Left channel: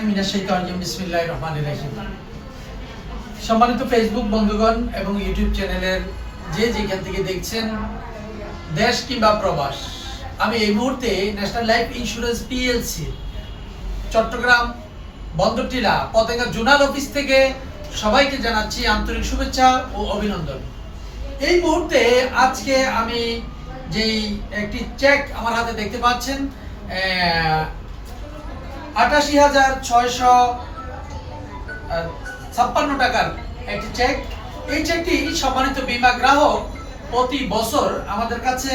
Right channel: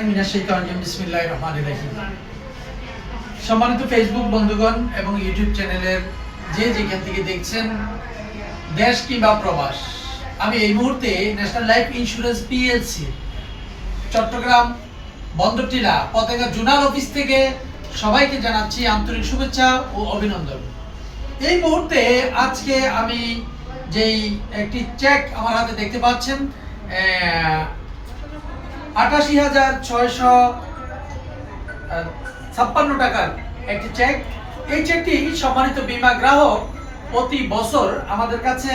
বিসমিল্লাহির রহমানির রহিম। সম্মানিত ফেসবুক বন্ধুগণ এবং ইউটিউব চ্যানেলের যে যেখান থেকে দেখছেন, দেশ কিংবা প্রবাস, আমি এই মুহূর্তে national life insurance PLC Chattogram Bandartila Patenga zonal office থেকে সবাইকে জানাচ্ছি আন্তরিক শুভেচ্ছা ও অভিনন্দন। এই মুহূর্তে আজকে আমি যেই একটি চেক আমার হাতে দেখতে পাচ্ছেন, 88,656 টাকার একটি চেক। এই চেকটি সম্মানিত বীমা গ্রাহক প্রতি বছর আমাদের কাছে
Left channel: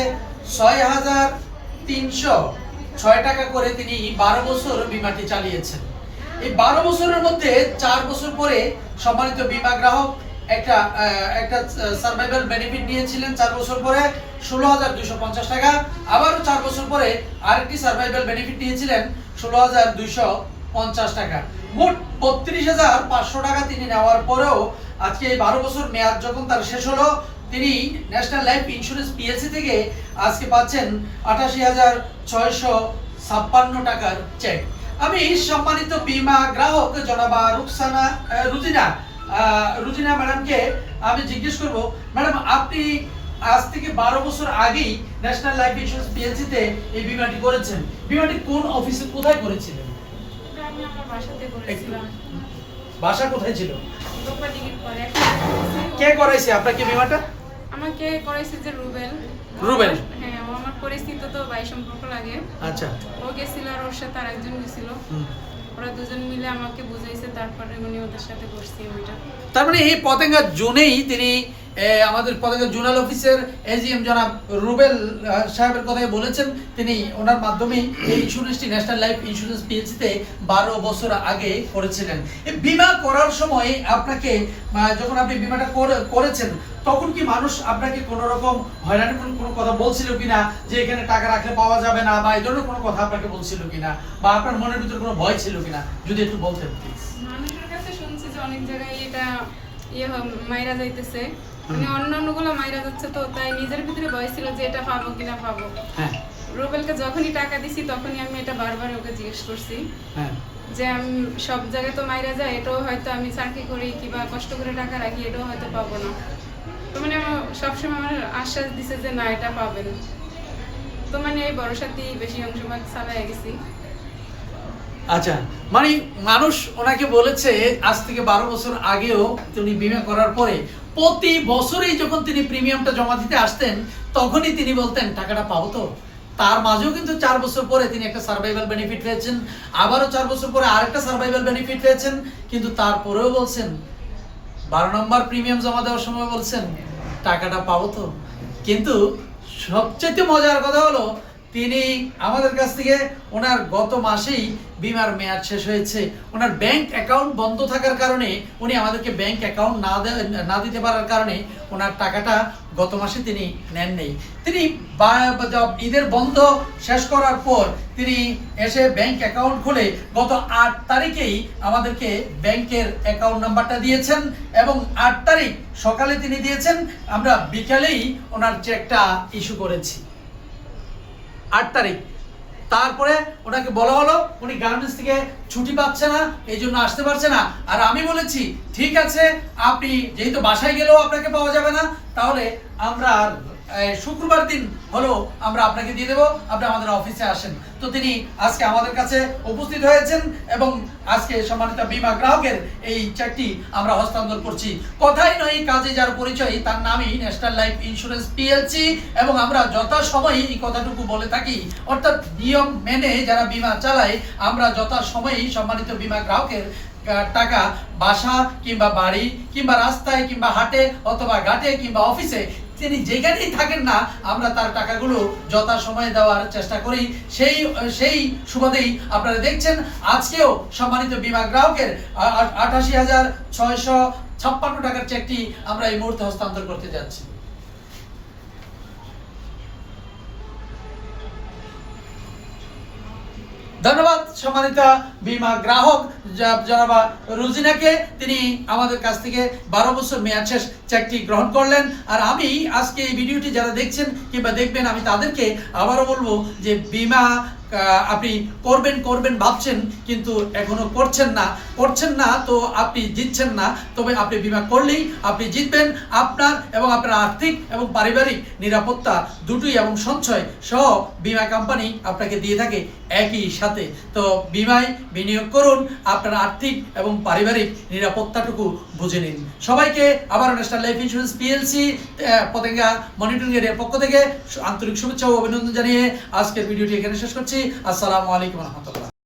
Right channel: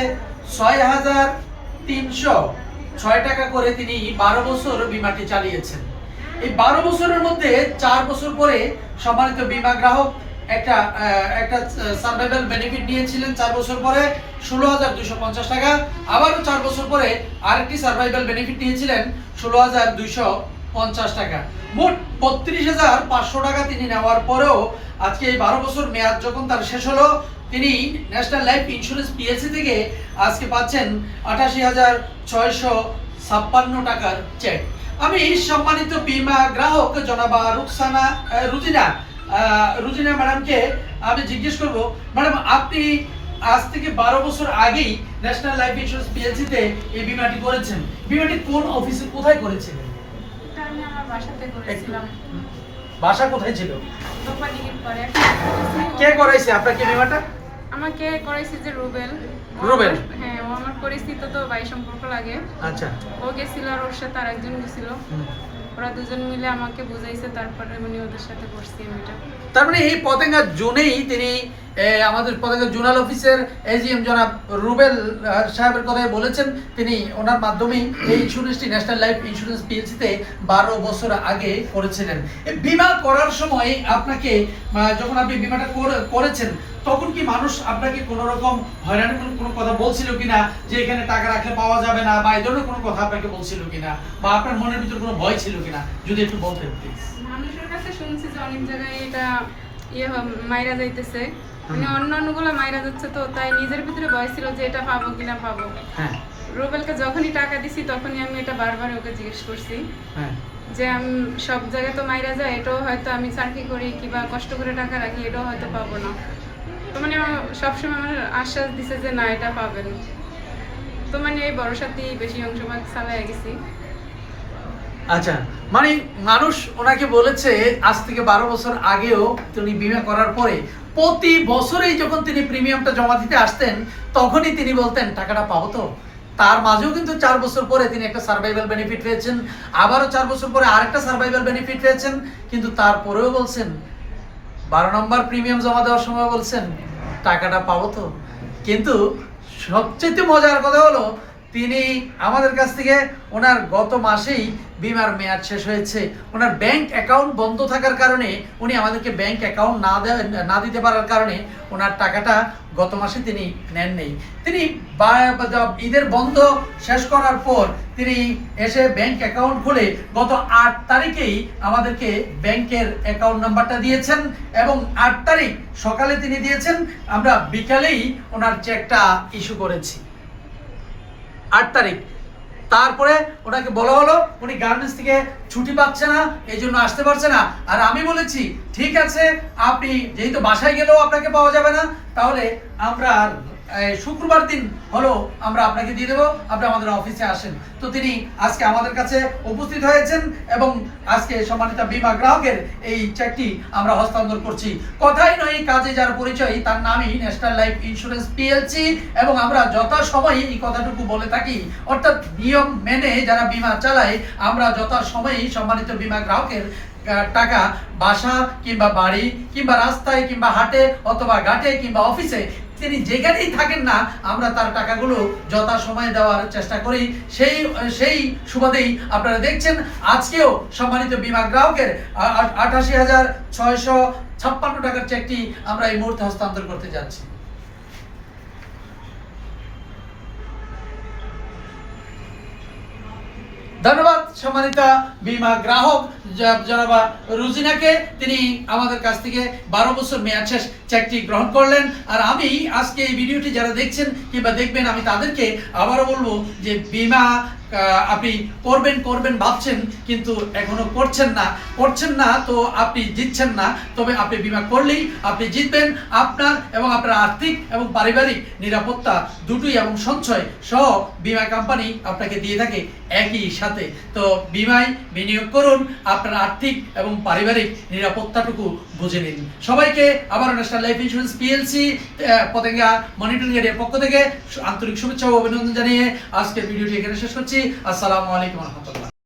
6,306 টাকা করে তিনি 12 বছর বীমাটি চালিয়েছেন। এই 12 বছরের মধ্যে 4 বছর পরে সম্মানিত বীমা গ্রাহক একটা সার্ভাইভাল বেনিফিট নিয়েছিলেন। 4 বছর পরে 16,250 টাকা, আবারও 4 বছর পরে আরেকটি সার্ভাইভাল বেনিফিট নিয়েছিলেন 16,250 টাকা। মোট 32,500 টাকা তিনি নেওয়ার পরেও আজকে এই 12 বছর মেয়াদ যখন তার শেষ হলো, তিনি ন্যাশনাল লাইফ ইন্স্যুরেন্স পিএলসি থেকে আজকে পাচ্ছেন 88,656 টাকার চেক। আমি সম্মানিত বীমা গ্রাহক জনাবা রুজিনা ম্যাডামকে আমি জিজ্ঞেস করব, ম্যাডাম আপনি আজ থেকে 12 বছর আগেই ন্যাশনাল লাইফ ইন্স্যুরেন্স পিএলসিতে এই বীমাটি করেছেন। বীমাটি কোন অফিসে কোথায় করেছিলেন? আমি আমার বাসাতে করেছিলাম। বাসা কোথায় ছিল? দোপাদিগির পরে কে করাইছে আপনাকে বীমাটা? আমাকে করাইছে যে রুবেল। হ্যাঁ, ও আমার পরিচিত, তো ভাই সম্পর্ক লাগে। আচ্ছা। ও গেছিল আর ওর সাথে আরেকজন গেছিল। ওরা দুজন মিলে আমাকে বুঝাইছে, তারপরে উনি ওদের সাথে করছি এটা। তার মানে এই পতেঙ্গা জোনেই তিনি আমাদের পতেঙ্গা জোনাল অফিসের এজিএম জনাব রুবেল সাহেবের কথাই বলেছেন, তিনি ওনার মাধ্যমেই এই ইন্স্যুরেন্সটি ন্যাশনাল লাইফ ইন্স্যুরেন্স পিএলসিতে 12 বছর আগে করেছিলেন। এই বীমা করার সময় আপনাকে যখন আপনি বীমাটা করেছেন, তখন কি মানুষ আপনাকে কোনো রকম হয়রানির কোনো কথা বলছিল কিনা, যে এখানে টাকা রাখলে পাওয়া যাবে না, বা এই ধরনের কোনো কথা আপনাকে বলছিল কিনা, বা আপনার মনের ভিতরে কোনো ভয় ছিল কিনা, যদি একটু বলতেন প্লিজ। মানুষের কাছে শুনছি যে অনেক জায়গায় এটা মাইরা যাইতেছে, মানে অন্যান্যগুলো মাইরা যাচ্ছে, তো তাই নিজের ভিতরে ভয় ছিল যে এটা পাবো কিনা পাবো। হ্যাঁ। রুবেলকে যখনই টাকা দিছি তখনই আমি এটা বারবার ওকে জিজ্ঞেস করছি। হ্যাঁ, যে আমি সব জায়গায় তো মাইরা যায়, এটাও হয়তো আমি চাকরি করি কিংবা কষ্ট করে টাকা রাখি, এটাও হয়তো পাবো না। তো মানে সবসময় আমার আশ্বাস দিছে যে না, এটা পাবেন। তো মানে এই ভরসাতেই বেশি অংশভাগ চালাই গেছি। আচ্ছা, মানে মানুষ ওনাকে বলেছে আজ থেকে 12 বছর আগেও তিনি বীমা করার পরে প্রতি বছরেই যখন তিনি প্রিমিয়ামটা জমা দিতে আসতেন, তখনই তিনি বলতেন টাকাটা পাবো তো। তার মাঝেও কিন্তু 4 বছর পরে তিনি একটা সার্ভাইভাল বেনিফিট পেয়েছেন, আবারও 4 বছর পরে আরেকটা সার্ভাইভাল বেনিফিট পেয়েছেন, কিন্তু তারপরেও বলছেন 12 নম্বর প্রিমিয়াম জমা দেওয়ার সময় বলছেন টাকাটা পাবো তো। কিন্তু সবচেয়ে মজার কথা হলো, তিনি আমাদের কাছ থেকে ওনার গত মাসেই বীমার মেয়াদ শেষ হয়েছে। ওনার ব্যাংক অ্যাকাউন্ট বন্ধ থাকার কারণে, উনি আমাদেরকে ব্যাংক অ্যাকাউন্ট না দিতে পারার কারণে ওনার টাকাটা গত মাসে তিনি নেন নেই। তিনি ঈদের বন্ধ শেষ করার পর তিনি এসে ব্যাংক অ্যাকাউন্ট খুলে গত 8 তারিখেই আমাদেরকে ব্যাংকের অ্যাকাউন্ট নাম্বারটা দিয়েছেন, এবং 8 তারিখ সকালে তিনি দিয়েছেন, আমরা বিকালেই ওনার চেকটা ইস্যু করেছি 8 তারিখ। তারপরে ওনাকে বলা হলো উনি গার্মেন্টস থেকে ছুটি পাচ্ছে না, এই জন্য আসতে পারছে না। আর আমি বলেছি ঠিক আছে, আপনি যেহেতু বাসায় গেলেও আপনাকে পাওয়া যাবে না, তাহলে আমরা শুক্রবার দিন হলো আমরা আপনাকে দিয়ে দেবো, আপনি আমাদের অফিসে আসেন। তো তিনি আজকে আমাদের কাছে উপস্থিত হয়েছেন, এবং আজকে সম্মানিত বীমা গ্রাহকের এই চেকটি আমরা হস্তান্তর করছি। কথাই নয় কাজে যার পরিচয়, তার নামই ন্যাশনাল লাইফ ইন্স্যুরেন্স পিএলসি। এবং আমরা যথাসময়ে এই কথাটুকু বলে থাকি, অর্থাৎ নিয়ম মেনে যারা বীমা চালায়, আমরা যথাসময়েই সম্মানিত বীমা গ্রাহকের টাকা বাসা কিংবা বাড়ি কিংবা রাস্তায় কিংবা হাটে অথবা ঘাটে কিংবা অফিসে, তিনি যেখানেই থাকেন না, আমরা তার টাকাগুলো যথাসময়ে দেওয়ার চেষ্টা করি। সেই সুবাদেই আপনারা দেখছেন আজকেও সম্মানিত বীমা গ্রাহকের 88,656 টাকার চেকটি আমরা এই মুহূর্তে হস্তান্তর করতে যাচ্ছি। ধন্যবাদ সম্মানিত বীমা গ্রাহক জনাবা রুজিনাকে, তিনি আমাদের কাছ থেকে 12 বছর মেয়াদ শেষ চেকটি গ্রহণ করলেন। আর আমি আজকে এই ভিডিওটি যারা দেখছেন কিংবা দেখবেন, আমি তাদেরকে আবারও বলবো যে বীমা আপনি করবেন করবেন ভাবছেন কিন্তু এখনো করছেন না, তো আপনি জিতছেন না। তবে আপনি বীমা করলেই আপনি জিতবেন। আপনার এবং আপনার আর্থিক এবং পারিবারিক নিরাপত্তা দুটোই এবং সঞ্চয় সহ বীমা কোম্পানি আপনাকে দিয়ে থাকে একই সাথে। তো বীমায় বিনিয়োগ করুন, আপনার আর্থিক এবং পারিবারিক নিরাপত্তাটুকু বুঝে নিন। সবাইকে আবার national life insurance PLC Patenga monitoring এর পক্ষ থেকে আন্তরিক শুভেচ্ছা ও অভিনন্দন জানিয়ে আজকের ভিডিওটি এখানে শেষ করছি। আসসালামু আলাইকুম রহমতুল্লাহ।